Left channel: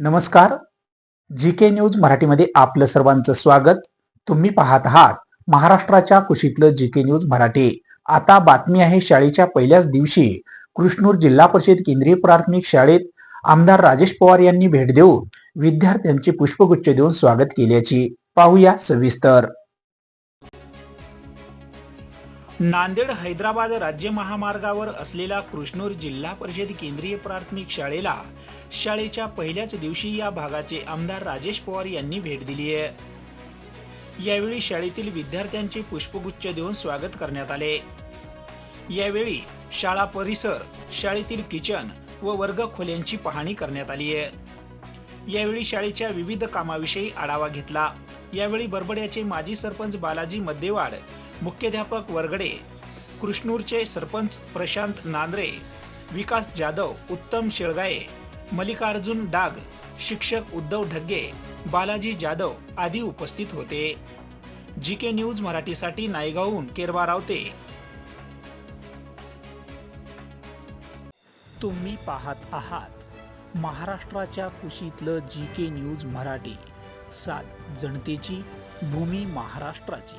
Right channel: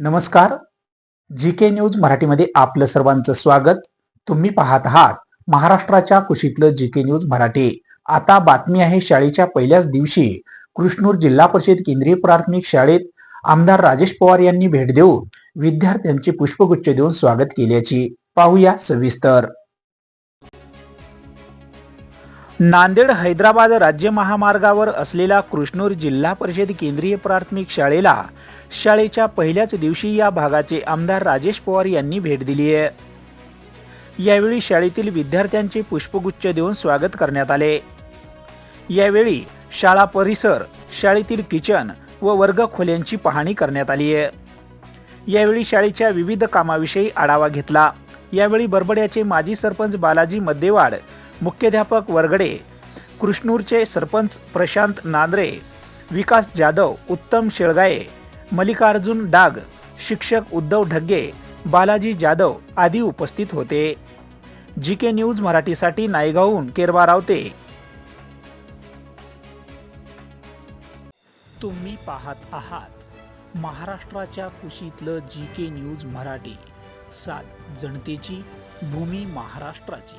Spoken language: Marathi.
नमस्कार. जी के न्यूज मराठीमध्ये आपलं सर्वांचं स्वागत. तुम्ही पाहत आहात महाराष्ट्राच्या कुशीतलं जी के न्यूज मराठी. आता बातमी आहे शाळेच्या पहिल्याच दिवशी कृष्णूर जिल्हा परिषद केंद्रीय प्राथमिक शाळेत आमदार राजेश पवार यांनी भेट देऊन विद्यार्थ्यांचे पुष्पगुच्छ देऊन स्वागत केल्याची पाहूया सविस्तर. नांदेड हैदराबाद राज्य महामार्गावर असलेल्या कृष्णूर जिल्हा परिषद केंद्रीय प्राथमिक शाळेला शाळेच्या पहिल्याच दिवशी या भागाचे आमदार राजेश पवार यांनी भेट दिली आहे. यावेळी शाळेतील विद्यार्थ्यांचे पुष्पगुच्छ देऊन स्वागत करण्यात आले. यावेळी शाळा परिसर शाळेतील किचन व वर्ग खोल्यांची पाहणी करण्यात आली आहे. यावेळी शाळेच्या विविध कामाविषयी आढावा घेतला. यावेळी बरबड्याचे माजी सरपंच बालाजी मद्देवाड मुख्याध्यापक वरगडे कृष्णूरचे सरपंच प्रशांत नांद्रे विकास जाधव उत्तम शेळगाये मल्लिकार्जुन डाग शिक्षक उद्धव ढग्गे बालाजी जाधव आदी उपस्थित होते. जी के न्यूज मराठीसाठी नायगावहून केरवा रावते. तुम्ही पाहत आहात महाराष्ट्राच्या कुशीतलं जी के न्यूज मराठी सात जनतेची भूमी महाराष्ट्राची.